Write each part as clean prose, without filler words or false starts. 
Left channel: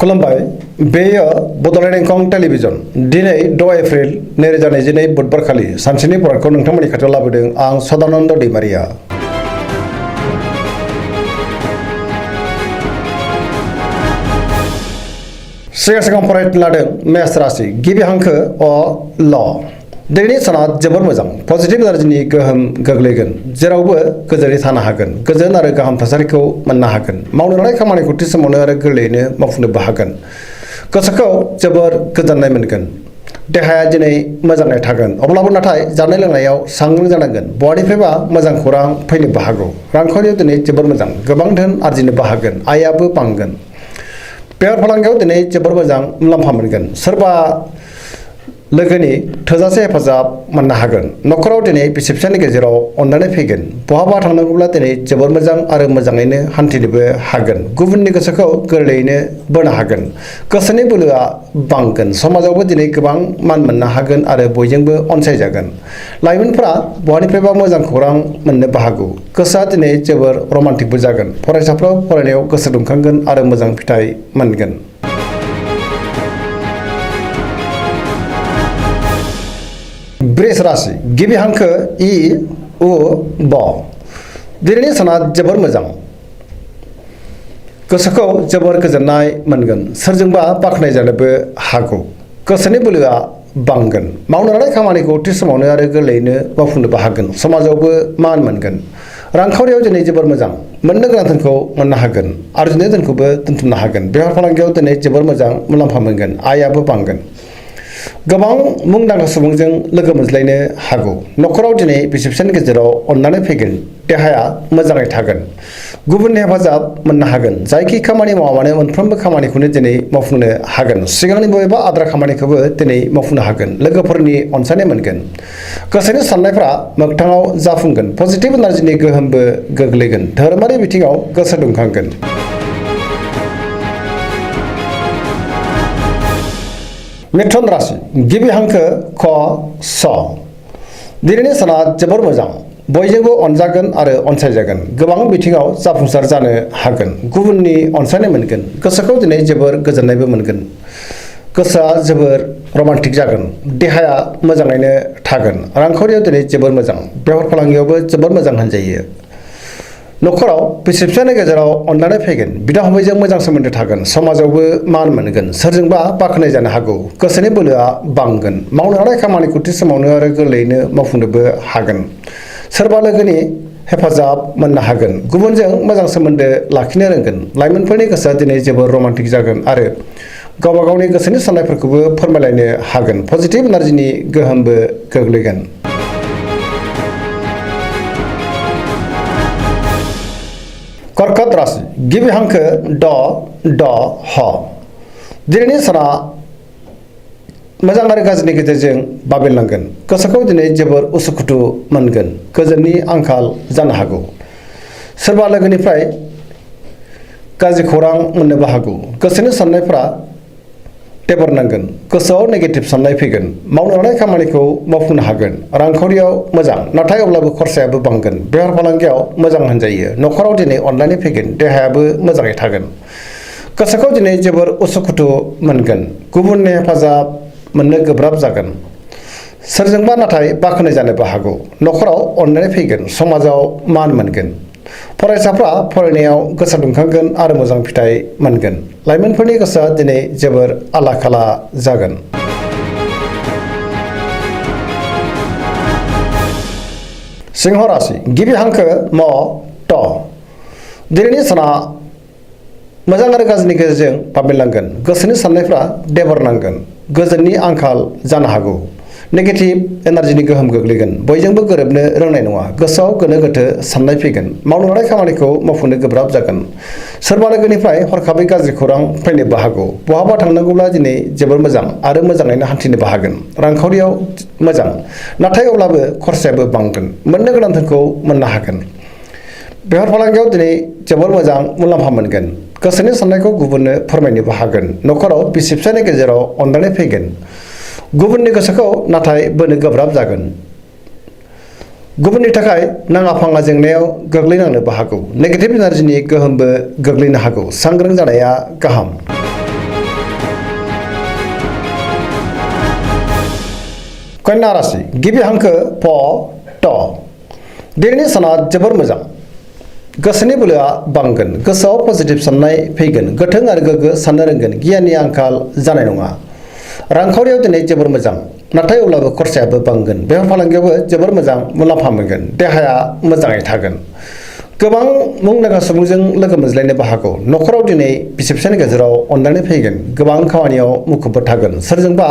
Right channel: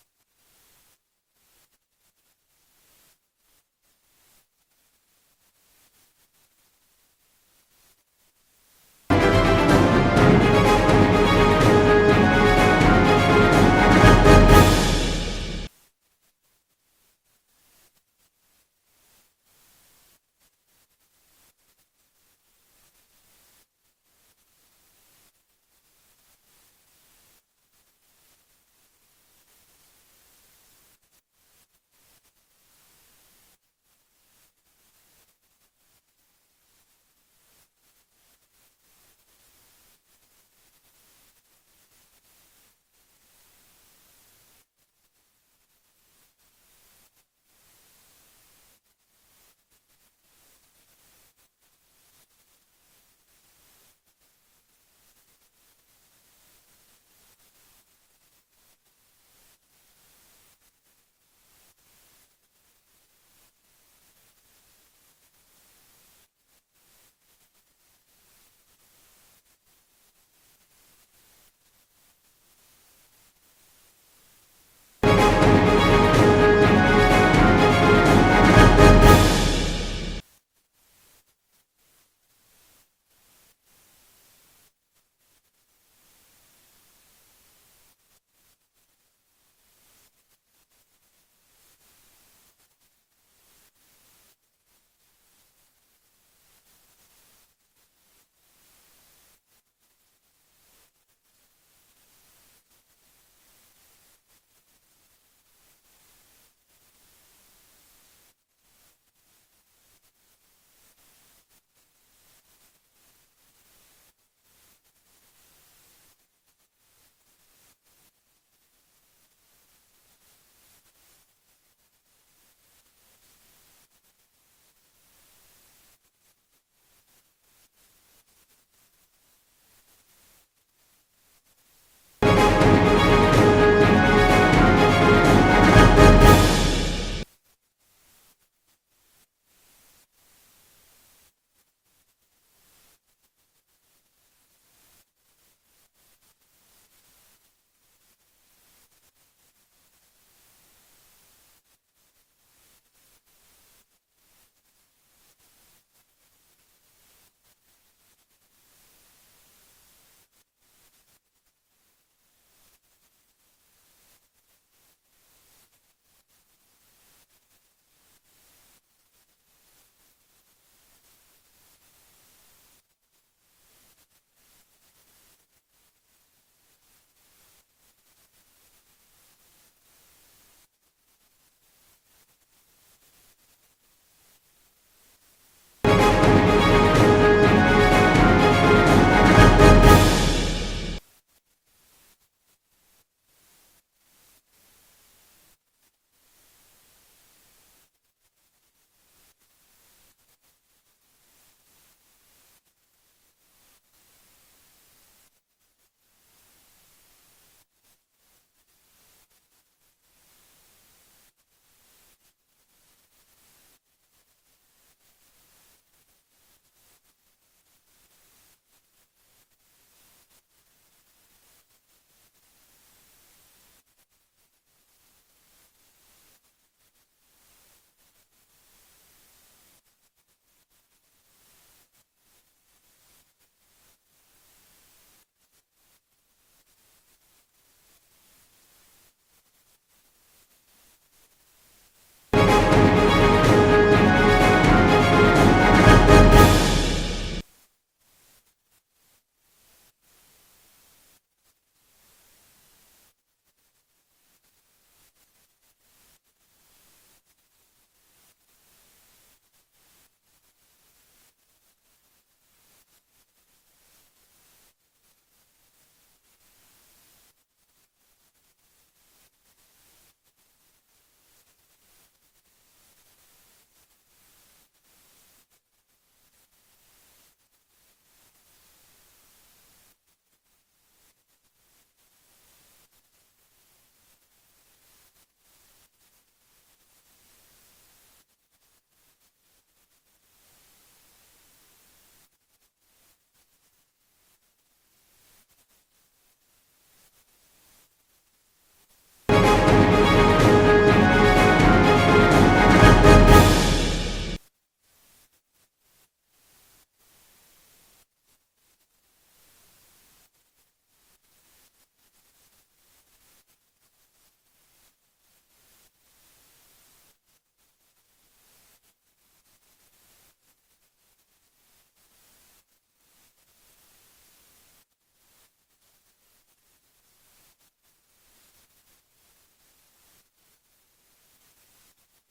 खुलुमबाय बेयो बड'लेण्ड इंखं टेलिभिजन दिनै 6 एप्रिल 2022 बुधबार खालि सानसेनि फरायखौ नोंथांमोननि खाथियाव लाबोदों आं सदानन्द दैमारिया। सिगां फरायनो लादों मेष राशि गिबि हांखो अ ल दिनैनि साना जोबोर मोजां पजिटिभ एनार्जिनि गोहोम गोग्लैगोन जेरावबो गोजोनै थानो हागोन गोजोन आरो गाहाम थासारिखौ मोननो हागोन मावनो लानाय खामानिखौ थि समावनो आरो गोरलैयैनो मावफुंनोबो हागोन गोसोखौ जोबोर गोजोननाय मोनगोन देहाया दिनै मोजाङै थागोन अब्लाबो नाथाय जानाय लोंनायाव सांग्रां जानांगोन बहानिफ्रायबा मोजां खौरां फैनोबो हागौ रांखावरियाव दिनै जोबोर मोजां गोबां धोन आरजिनोबो हागोन आयाबो बांगोन बेफार फालांगियाव दिनै जोबोर मोजां मुलाम्फा मोनगोन सोरबा लोगोनि थोजासे हेफाजाब मोननो हागोन नखराव दिनै बिसि फिसायनि गेजेराव अननानै फैगोन बहाबा थांनांगौब्ला दिनै जोबोर मोजां आरो मोजाङैनो हान्थिनोबो हागोन गुबुननि गोसोखौ गोरलैयैनो बोनो हागोन गोसोनि बोलोआ बांगोन समाजावबो दिनै गोबां मान मोननो हागोन आरो बयजोंबो अनसायजागोन लाइमोनफोरा बहानिफ्रायबा मोजां खौरां मोननोबो हागौ गोसोआ दिनै जोबोर रमान्टिकबो जागोन फरायसाफ्रा फरायनायाव गोसो दुंखांगोन आरो मोजां फिथाइ मोनगोन। वृष राशि गिबि हांखो इ उ ब दिनैनि साना जोबोर मोजां गोसोखौ जोबोर गोजोननाय मोनगोन सोरजोंबा बाख्नाय जानोबो हागौ गोसोनि बोलोआ बांगोन मावनो लानाय खामानिखौ थि समावनो आरो गोरलैयैनो मावफुंनोबो हागोन समाजावबो मान मोनगोन रांखावरियाव दिनै जोबोर मोजां मोननो गोनां धोनखौ मोननो हागोन आरजिनाय धोनखौबो दोनथुमनो हागोन बेफार फालांगियाव दिनै जोबोर मोजां मुलाम्फा मोनगोन आयाबो बांगोन गोबां मुंदांखा सुबुंजों लोगो मोनज्लायनो हागौ नखराव दिनै बिसि फिसायनि गेजेराव अननानै फैगोन देहाया मोजाङै थागोन गुबुननि हेफाजाब मोननो हागोन जायखि खामानि मावा मानो मोनफ्रोमबो खामानिखौनो दिनै मावफुंनो हागोन सिगांनि बबेबा आद्रा खामानिखौबो दिनै मावफुंनो हागोन लोगोफोरनि अनसायनाय मोनगोन गोसोनि साननायफ्रा मोगथाङाव जाफुंगोन पजिटिभ एनार्जिनि गोहोमबो गोग्लैगोन धोरोमारि बिथिङाव गोसो दुंखांगोन। मिथुन राशि गिबि हांखो ख स दिनैनि साना जोबोर मोजां बयजोंबो अनजागोन आरो अनसायजागोन गोबां बिथिङाव जाफुंसार जानो हागोन गुबुननि अनसायनाय मोनगोन गोसोखौ दिनै जोबोर गोजोननायबो मोनगोन गोसोआ जोबोर रमान्टिक जागोन देहाया मोजाङैनो थागोन रांखावरियाव दिनै जोबोर मोजां बेफार फालांगियावबो जोबोर मोजां होनजायो नखराव बिसि फिसायनि गेजेराव अननानै फैगोन बिदा फंबायजों मोजां सोमोन्दो थागोन समाजावबो मान मोनगोन सोरजोंबा बाख्नाय जानो हागौ गोसोनि बोलोआ बांगोन मावनो लानाय खामानिखौ थि समावनो आरो गोरलैयैनो मावफुंनोबो हागोन सोरबा लोगोनि हेफाजाब मोननो हागोन गुबुनजों मोजां सोमोन्दो लाखिनो रोंगोन लाइमोनफोरनि गोसोआ दिनै जोबोर रमान्टिक जागोन आरो गावबा गावनि गोसोनि साननायफोरखौबो फोरमायलायनो हागोन पजिटिभ एनार्जिनि गोहोमबो गोग्लैगोन। कर्कट राशि गिबि हांखो ड ड ह दिनैनि साना मोजां आरो गाज्रिनि गेजेरजों बाबेनलांगोन गोसोखौ दिनै जोबोर उसुखुथु मोनगोन गोजोननि आंखाल जानो हागौ सोरबा लोगोनिफ्राय गाज्रि खौरां मोननोबो हागौ गोसोनि साननायफ्रा टेबरनांगोन गोसोआव नेगेटिभ साननाय फैगोन मावनो लानाय खामानिखौ मावफुंनो हागोन रांखावरियाव मोजां नाथाय अब्लाबो खरसायाबो बांगोन बेफार फालांगियाव मोजां होनजायो नखराव दिनै अननानै फैगोन देहायाबो मोजाङै थागोन गोसोखौ दिनै जोबोर उसुखुथु मोनगोन गुबुननि हेफाजाब मोननो गोब्राब जागोन सोरजोंबा नाथाय बाख्नाय जानोबो हागौ नखराव अननानै फैगोन समाजाव मान मोनगोन फरायसाफ्रा फरायनायाव गोसो दुंखांगोन आरो मोजां फिथाइ मोनगोन लाइमोनफोरनि गोसोआ दिनै जोबोर आला खाला जागोन। सिंह राशि गिबि हांखो म ट दिनैनि साना मोजां आरो गाज्रिनि गेजेरजों बाबेनलांगोन गोसोनि साननायफ्रा देबरनांगोन गोजोननि आंखाल जानो हागौ नेगेटिभ एनार्जिनि गोहोम गोग्लैगोन बयजोंबो गोरोबनो रोंनाय नङा गोसोआव गोनो गोथो साननाय फैगोन मावनो लानाय खामानिखौ मावफुंनो गोब्राब जागोन सोरबा लोगोनिफ्राय हरखाबै गाज्रि खौरां फैनोबो हागौ बहाबा थांनांगौब्ला दिनै जोबोर मोजां आरो मोजाङैनो हान्थिनोबो हागोन रांखावरियाव मोजां नाथाय अब्लाबो खरसायाबो बांगोन मोननो गोनां धोनखौ मोननो हागोन बेफार फालांगियाव दिनै जोबोर मोजां मुलाम्फा मोनगोन गोसोनि साननायखौ गुबुननो फोरमायनोबो हागोन नखराव बिसि फिसायनि गेजेराव अननानै फैगोन गुबुननि गोसोखौ नाथाय बोनो गोब्राब जागोन गुबुननि थाखाय नाङा फाङा जेंनायाव गोग्लैनांनोबो हागौ नेगेटिभ एनार्जिनि गोहोमबो गोग्लैनो हागौ सांग्रां जानाया गाहाम। कन्या राशि गिबि हांखो प ट दिनैनि साना जोबोर मोजां गोसोनि बोलोआ बांगोन गोसोआव पजिटिभ साननाय फैगोन गोथों आरो गोग्गो साननो रोंगोन गियाननि आंखाल जानाय नङा रांखावरियाव दिनै जोबोर मोजां नाथाय अब्लाबो खरसायाबो बांगोन बेफार फालांगियावबो जोबोर मोजां मुलाम्फा मोनगोन देहाया मोजाङै थागोन गोबां मुंदांखा सुबुंजों लोगो मोनज्लायनोबो हागौ न'खराव दिनै बिसि फिसायनि गेजेराव अनलायनाय फैगोन गोबां खामानियाव मुखुबबो थागोन सोरजोंबा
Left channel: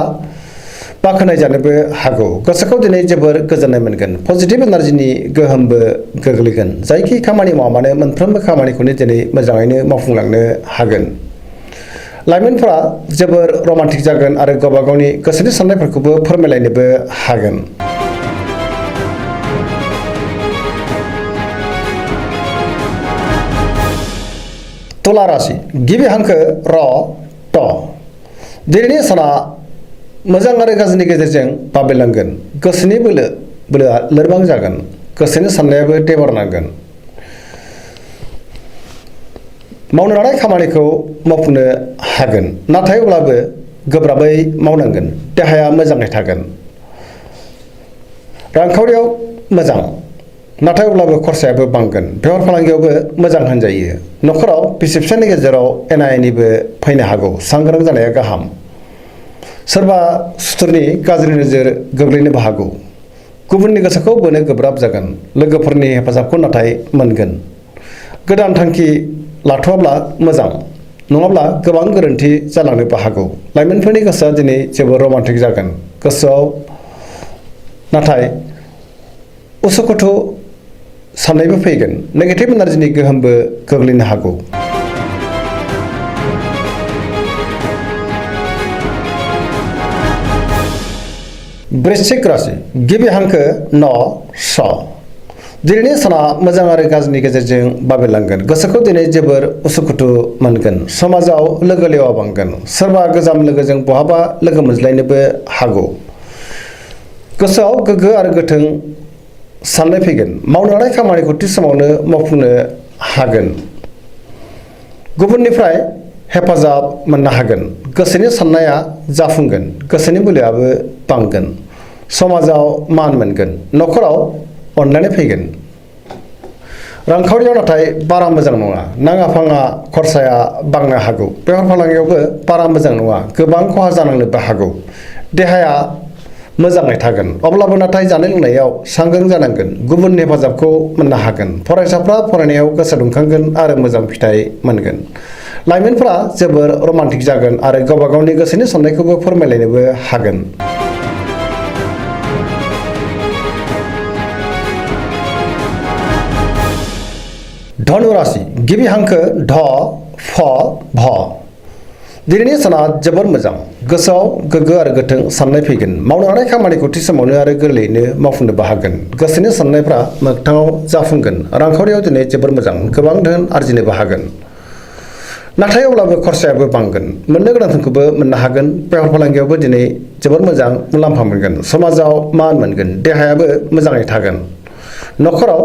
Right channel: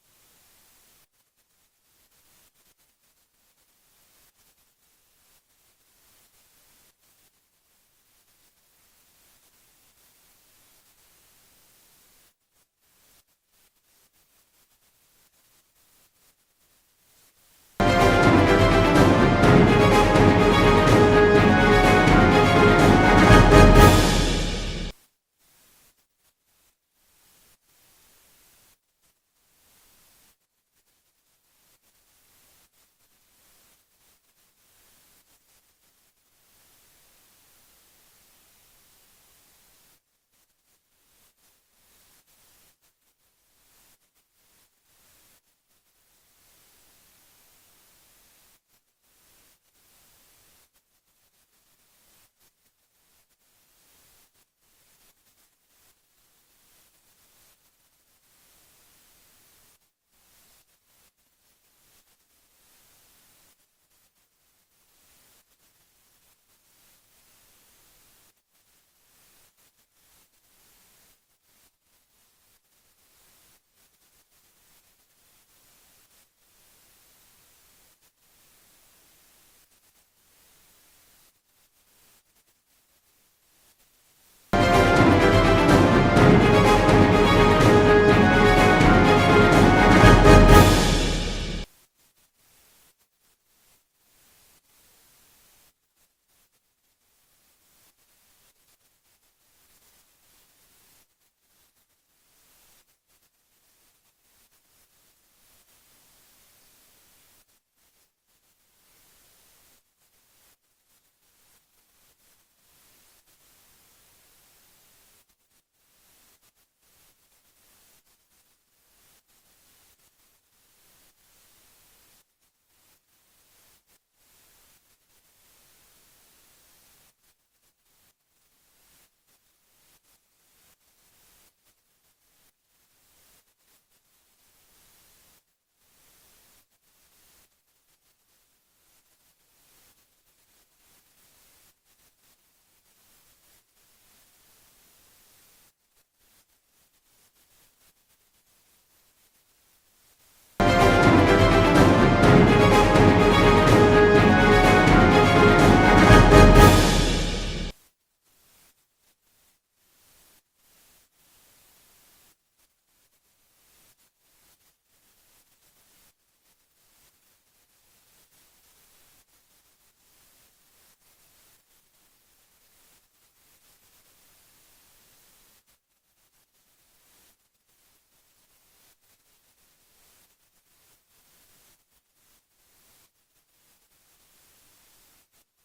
बाख्नाय जानोबो हागौ गोसोखौ दिनै जोबोर गोजोननाय मोनगोन पजिटिभ एनार्जिनि गोहोमबो गोग्लैगोन जायखि खामानि मावा मानो मोनफ्रोमबो खामानिखौनो दिनै मोजाङैनो मावफुंलांनो हागोन लाइमोनफोरा जोबोर रमान्टिक जागोन आरो गावबा गावनि गोसोनि साननायफोरखौबो फोरमायलायनोबो हागोन तुला राशि गिबि हांखो र ट दिनैनि साना मोजां आरो गाज्रिनि गेजेरजों बाबेलांगोन गोसोनि बोलोआ लोरबां जागोन गोसोनि साननायाबो देबारनांगोन मावनो लानाय खामानिखौ मावफुंनो हागोन नाथाय अब्लाबो गोब्राबै मावनांगोन देहाया मोजाङै थागोन रांखावरियाव मोजां नाथाय अब्लाबो खरसायाबो बांगोन बेफार फालांगियावबो मोजां होनजायो न'खराव बिसि फिसायनि गेजेराव एना एनिबो फैनो हागौ सांग्रां जानाया गाहाम सोरबा सुथुरनि गाज्रि नोजोर गोग्लैनोबो हागौ गुबुननि गोसोखौ बोनो गोब्राब जागोन लोगोफोरनि हेफाजाबखौ नाथाय मोनगोन गोदान थांखि लाथ'वाब्ला मोजां नङाब्ला गोबां गोरोन्थि जालांनोबो हागौ लाइमोनफोरनि गोसोआ दिनै जोबोर रमान्टिक जागोन गोसोआव नाथाय उसुखुथु साननायबो फैगोन नेगेटिभ एनार्जिनि गोहोमबो गोग्लैनो हागौ वृश्चिक राशि गिबि हांखो न स दिनैनि साना मोजां आरो गाज्रिनि गेजेरजों बाबेलांगोन गोसोखौ दिनै जोबोर उसुखुथु मोनगोन समाजाव लोगो लेवा बांगोन सोरबा गोजाम लोगोजों बहाबा लोगो मोनज्लायनोबो हागौ गोसोआव गोग्गो आरो गोथों साननाय फैगोन मावनो लानाय खामानिखौ थि समावनो मावफुंनो हागोन गुबुननिफ्राय हेफाजाब मोननो हागोन गोसोनि साननाया जाफुंगोन गोसोनि बोलोआबो बांगोन समाजाव मान मोनगोन न'खराव अनलायनाय फैगोन रांखावरियाव नाथाय बारा मोजां नङा नाङा फाङा खरसाया बांनो हागौ बेफार फालांगियावबो बारा मोजां नङा गोबां खहा जानांनोबो हागौ देहाया मोजाङै थागोन अब्लाबो नाथाय जानाय लोंनायाव सांग्रां जानांगोन गुबुननि हेफाजाबखौ मोननो हागोन फरायसाफ्रा फरायनायाव गोसो दुंखांगोन आरो मोजां फिथाइ मोनगोन लाइमोनफ्रा जोबोर रमान्टिक जागोन आरो गावबा गावनि गोसोनि साननायखौबो फोरमायलायनोबो हागोन धनु राशि गिबि हांखो ढ फ भ दिनैनि साना जोबोर मोजां गोसोआव गोग्गो आरो गोथों साननाय फैगोन मावनो लानाय खामानिखौ थि समावनो आरो गोरलैयैनो मावफुंनोबो हागोन गोसोनि साननायफ्रा मोगथाङाव जाफुंगोन रांखावरियाव दिनै जोबोर मोजां गोबां धोन आरजिनोबो हागोन नाथाय अब्लाबो खरसायाबो बांगोन मोननो गोनांखौबो मोननो हागोन बेफार फालांगियावबो दिनै जोबोर मोजां मुलाम्फा मोनगोन समाजाव मान मोनगोन देहायाबो मोजाङै थागोन न'खराव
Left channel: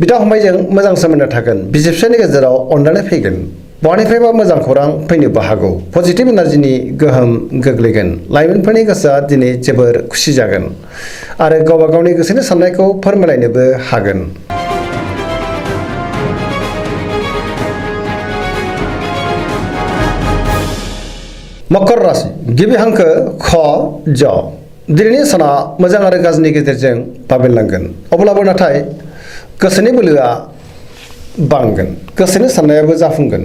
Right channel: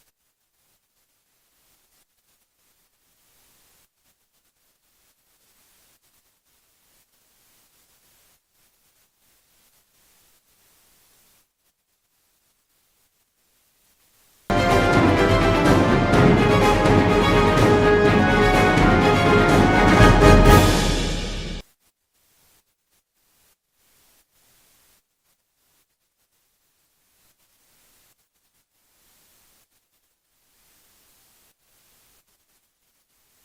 बिदा फंबायजों मोजां सोमोन्दो थागोन बिसि फिसायनि गेजेराव अनलायनाय फैगोन बहानिफ्रायबा मोजां खौरां फैनोबो हागौ पजिटिभ एनार्जिनि गोहोम गोग्लैगोन लाइमोनफोरनि गोसोआ दिनै जोबोर खुसि जागोन आरो गावबा गावनि गोसोनि साननायखौ फोरमायलायनोबो हागोन मकर राशि गिबि हांखो ख ज दिनैनि साना मोजां आरो गाज्रिनि गेजेरजों बाबेनलांगोन अब्लाबो नाथाय गोसोनि बोलोआ बांगोन गोसोनि साननायाबो जाफुंगोन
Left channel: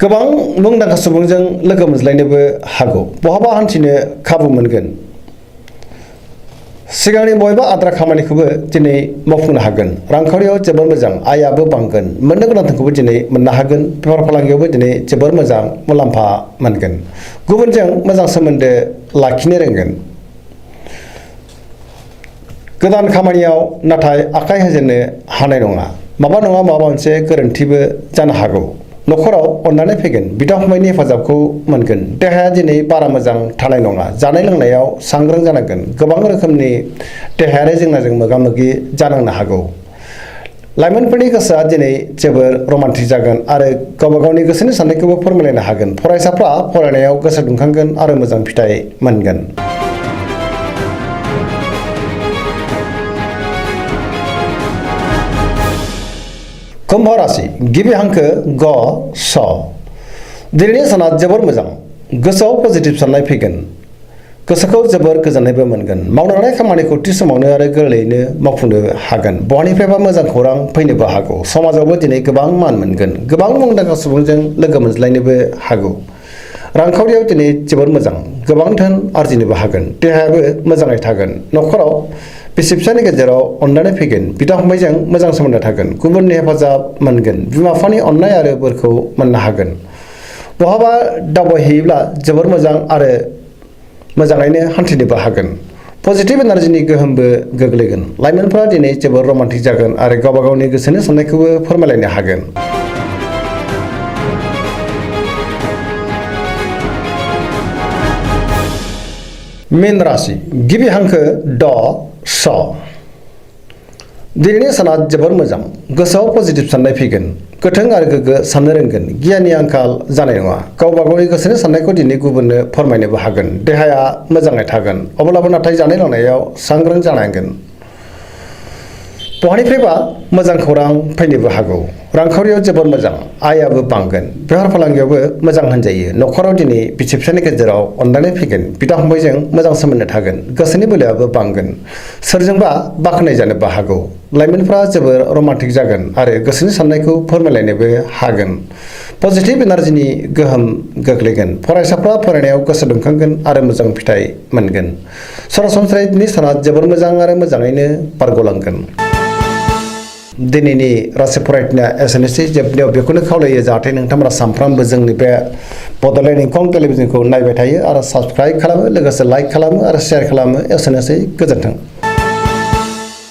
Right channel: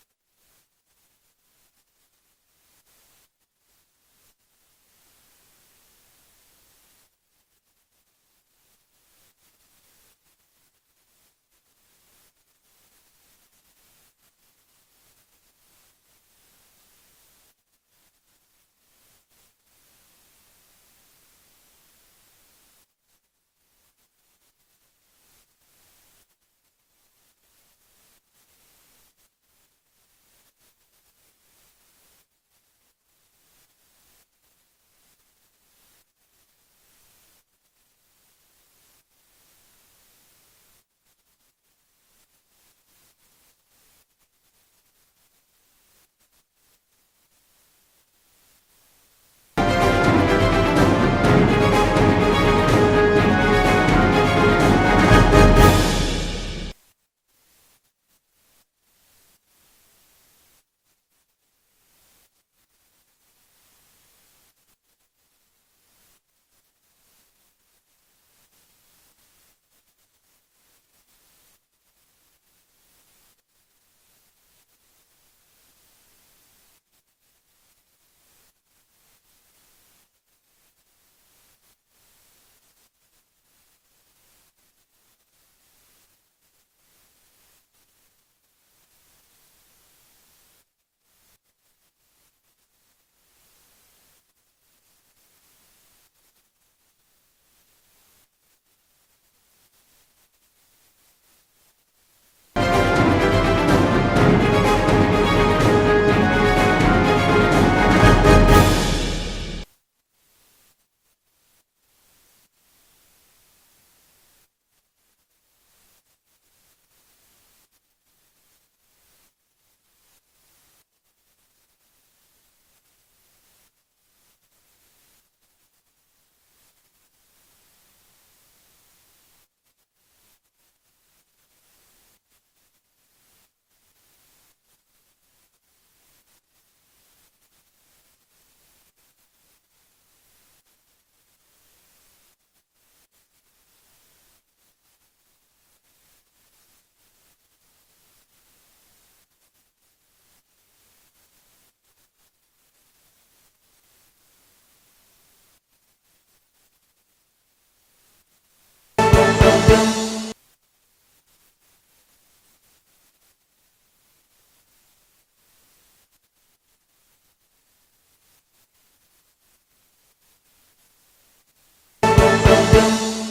गोबां मुंदांखा सुबुंजों लोगो मोनज्लायनोबो हागौ बहाबा हान्थिनो खाबु मोनगोन सिगांनि बबेबा आद्रा खामानिखौबो दिनै मावफुंनो हागोन रांखावरियाव जोबोर मोजां आयाबो बांगोन मोननो गोनांखौबो दिनै मोननो हागोन बेफार फालांगियावबो दिनै जोबोर मोजां मुलाम्फा मोनगोन गुबुनजों मोजां सोमोन्दो लाखिनो रोंगोन गोदान खामानियाव नाथाय आखाइ होजेननो हानाय नङा माबा मोनसे गोरोन्थिबो जानो हागौ न'खराव अननानै फैगोन बिदा फंबायनि हेफाजाबखौ मोनगोन देहाया दिनै बारा मोजां थानाय नङा जानाय लोंनायाव सांग्रां जानांगोन गोबां रोखोमनि देहायारि जेंनाजों मोगा मोगि जानांनो हागौ लाइमोनफोरनि गोसोआ दिनै जोबोर रमान्टिक जागोन आरो गावबा गावनि गोसोनि साननायखौबो फोरमायलायनो हागोन फरायसाफ्रा फरायनायाव गोसो दुंखांगोन आरो मोजां फिथाइ मोनगोन कुम्भ राशि गिबि हांखो ग स दिनैनि साना जोबोर मोजां गोसोआव पजिटिभ साननाय फैगोन गोसोखौ जोबोर गोजोननायबो मोनगोन मावनो लानाय खामानिखौ थि समावनो आरो गोरलैयैनो मावफुंनो हागोन बहानिफ्रायबा मोजां खौरां फैनोबो हागौ समाजावबो दिनै गोबां मान मोनगोन गोबां मुंदांखा सुबुंजों लोगो मोनज्लायनोबो हागौ रांखावरियाव दिनै जोबोर मोजां गोबां धोन आरजिनोबो हागोन देहायाबो मोजाङै थागोन नखराव बिसि फिसानि गेजेराव अनलायनाय फैगोन बिदा फंबायजों मोजां सोमोन्दो थागोन गुबुननि हेफाजाब मोनगोन बिमा बिफानि अननाय आरो बोरखौ मोननो हागोन बहाबा दावबायहैयोब्ला जोबोर मोजां आरो मोजाङैनो हान्थिनोबो हागोन पजिटिभ एनार्जिनि गोहोमबो गोग्लैगोन लाइमोनफोरा दिनै जोबोर रमान्टिक जागोन आरो गावबा गावनि गोसोनि साननायखौबो फोरमायलायनो हागोन मीन राशि गिबि हांखो ड स दिनैनि साना जोबोर मोजां गोसोआव पजिटिभ साननाय फैगोन गोथों आरो गोग्गो साननो रोंगोन गियाननि आंखाल जानाय नङा गावबा गावनि गोसोनि साननायखौ दिनै गुबुननो फोरमायनोबो हागोन देहाया मोजाङै थागोन अब्लाबो नाथाय जानाय लोंनायाव सांग्रां जानांगोन बहानिफ्रायबा मोजां खौरां फैनोबो हागौ रांखावरियाव जोबोर मोजां आयाबो बांगोन बेफार फालांगियावबो मोजां होनजायो नखराव दिनै बिसि फिसानि गेजेराव अनलायनाय फैगोन बिदा फंबायजों मोजां सोमोन्दो थागोन गोसोनि बोलोआबो बांगोन सोरजोंबा बाख्नाय जानोबो हागौ लाइमोनफ्रा जोबोर रमान्टिक जागोन आरो गोसोनि साननायखौ फोरमायलायनोबो हागोन पजिटिभ एनार्जिनि गोहोम गोग्लैगोन फरायसाफ्रा फरायनायाव गोसो दुंखांगोन आरो मोजां फिथाइ मोनगोन सरासनस्रायै दिनै साना जोबोर मोजां आरो मोजाङैनो बारग'लांगोन दिनैनि राशि फरायनाया एसेनोसै जोबनायाव बेखौनो खावलायो जाहाथे नोंथांमोना सानफ्रामबो जोंनि बे बड'लेण्ड इंखं टेलिभिजनखौ नायबाय थायो आरो साबस्क्राइब खालामो लोगोसे लाइक खालामो आरो शेयार खालामो एसेनोसै गोजोन्थों